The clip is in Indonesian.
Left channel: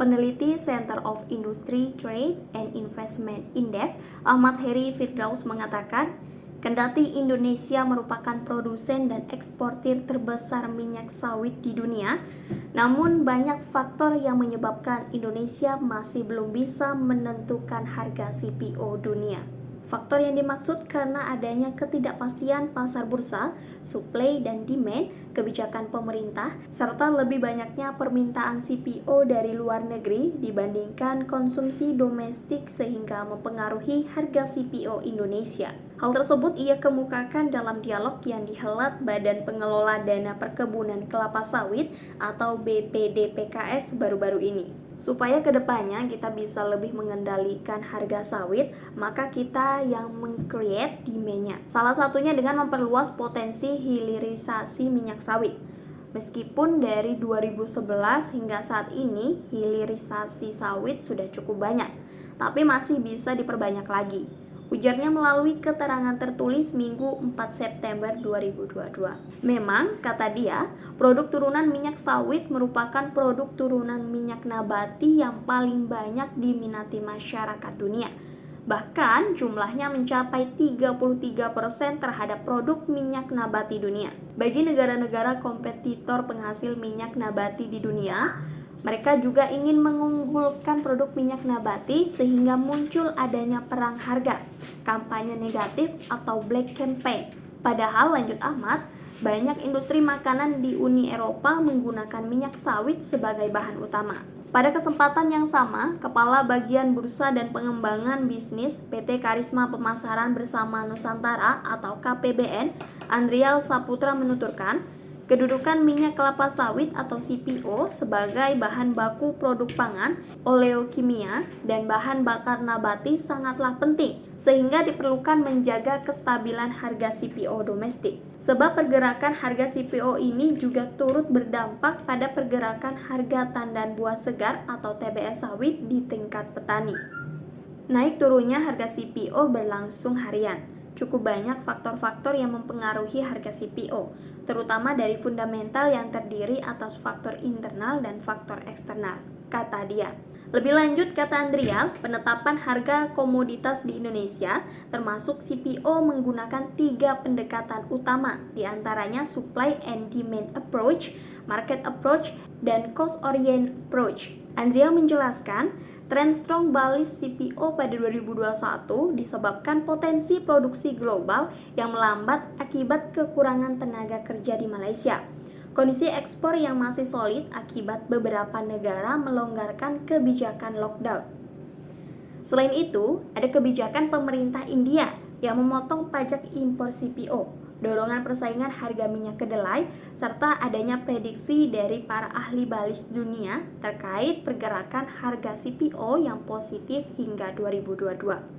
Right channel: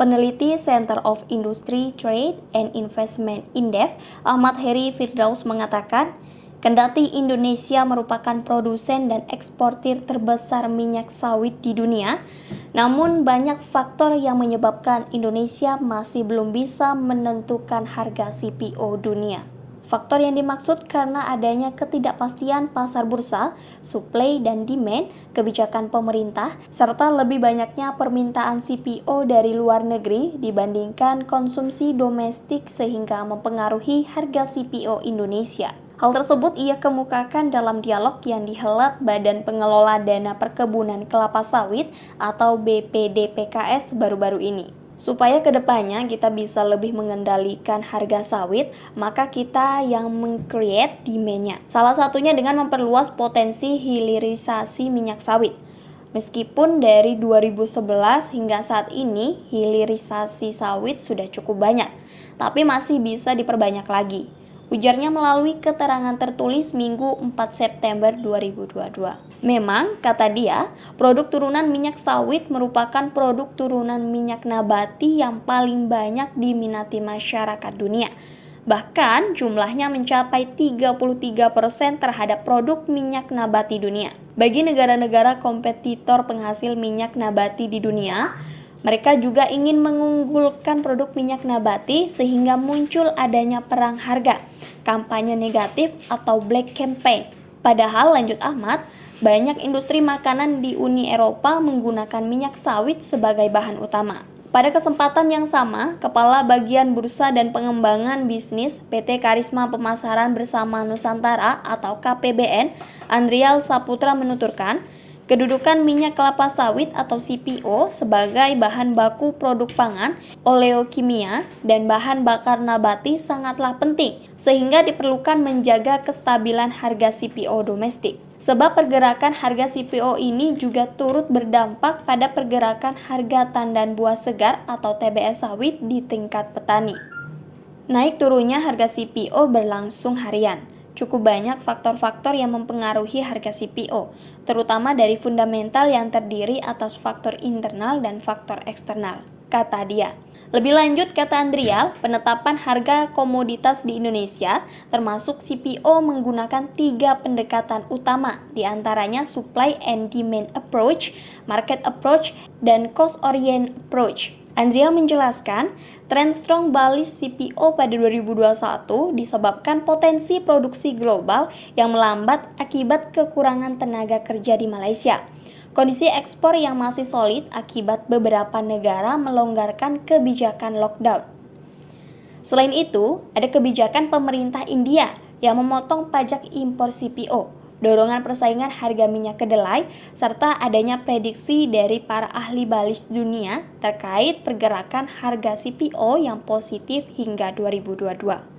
Peneliti Center of Industry, Trade, and Investment Indef, Ahmad Heri Firdaus mengatakan, kendati Indonesia merupakan produsen dan eksportir terbesar minyak sawit di dunia, namun banyak faktor yang menyebabkan Indonesia masih belum bisa menentukan harga CPO dunia. Faktor yang dimaksud karena adanya ketidakpastian pasar bursa, supply dan demand, kebijakan pemerintah, serta lebih banyaknya permintaan CPO dari luar negeri dibandingkan konsumsi domestik sehingga mempengaruhi harga CPO Indonesia. Hal tersebut ia kemukakan dalam dialog yang dihelat Badan Pengelola Dana Perkebunan Kelapa Sawit atau BPDPKS baru-baru ini. Supaya kedepannya kita bisa lebih mengendalikan harga sawit, maka kita yang meng-create demand-nya. Salah satunya dengan memperluas potensi hilirisasi minyak sawit. Meskipun dari 2011 hingga saat ini hilirisasi sawit sudah cukup banyak, tapi masih bisa diperbanyak lagi. Ujarnya melalui keterangan tertulis Minggu 4 September 2022. Memang, kata dia, produk turunan minyak sawit merupakan produk turunan minyak nabati yang paling banyak diminati masyarakat dunia. Bahkan jumlahnya mencapai 33% terhadap produk minyak nabati dunia. Bagi negara-negara kompetitor penghasil minyak nabati di dunia, mereka juga ingin mengunggulkan produk minyak nabati sehingga muncul adanya perang harga, kampanye negatif atau black campaign. Padahal, lanjut Ahmad, banyak industri makanan di Uni Eropa menggunakan minyak sawit sebagai bahan utama. Pada kesempatan yang sama, Kepala Bagian Bursa dan Pengembangan Bisnis PT Karisma Pemasaran Bersama Nusantara atau KPBN, Andrial Saputra menuturkan, kedudukan minyak kelapa sawit atau CPO sebagai bahan baku produk pangan, oleokimia, dan bahan bakar nabati sangatlah penting, sehingga diperlukan menjaga kestabilan harga CPO domestik. Sebab pergerakan harga CPO ini juga turut berdampak pada pergerakan harga tandan buah segar atau TBS sawit di tingkat petani. Naik turunnya harga CPO berlangsung harian. Cukup banyak faktor-faktor yang mempengaruhi harga CPO, terutama dari fundamental yang terdiri atas faktor internal dan faktor eksternal, kata dia. Lebih lanjut, kata Andrial, penetapan harga komoditas di Indonesia, termasuk CPO, menggunakan 3 pendekatan utama, diantaranya supply and demand approach, market approach, dan cost-orient approach. Andrial menjelaskan, tren strong bullish CPO pada 2021 disebabkan potensi produksi global yang melambat akibat kekurangan tenaga kerja di Malaysia. Kondisi ekspor yang masih solid akibat beberapa negara melonggarkan kebijakan lockdown. Selain itu, ada kebijakan pemerintah India yang memotong pajak impor CPO, dorongan persaingan harga minyak kedelai, serta adanya prediksi dari para ahli bullish dunia terkait pergerakan harga CPO yang positif hingga 2022.